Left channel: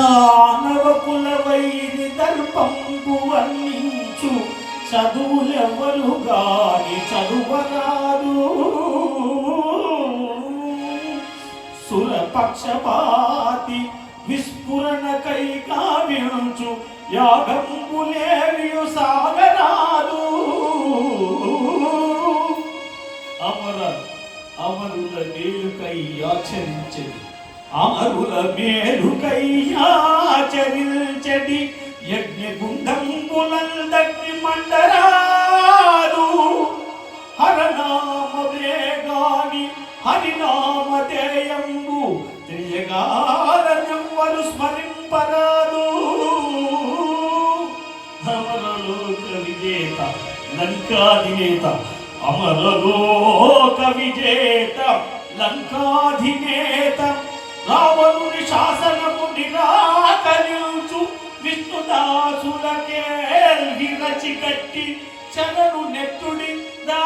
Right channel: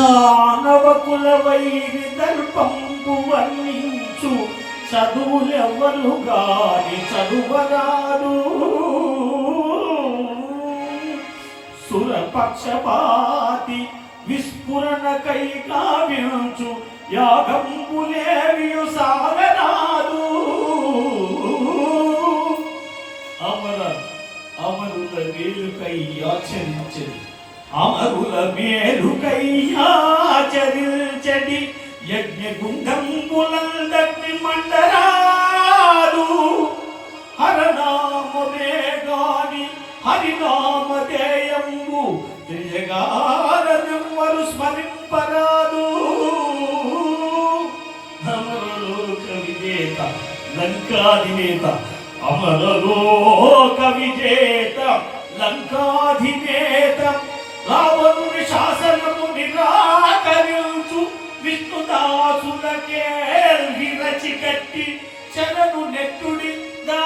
దానవకుల వైరి దర్పంపు వర్ణించు చదువులెవ్వరు గాని చదువరాదు. సురపక్షపాతి విస్ఫురణకై కావ్యంచు యాగంబులేవియు సాగరాదు. అమరుల మేలుకై ఆచరించడి, అమరుల మేలుకై ఆచరించడి యజ్ఞగుండంబులందగ్ని మండరాదు. హరనామమే గాని హరినామధేయంబు త్రియగారనెవ్వరు స్మరింపరాదు. అమరలోక విజేత లంకాధినేత, అమరలోక విజేత లంకాధినేత, రావణుని శాసనము నిరాకరించు విష్ణుదాసులకే విరచికట్టి చరణు నెట్టుడి దా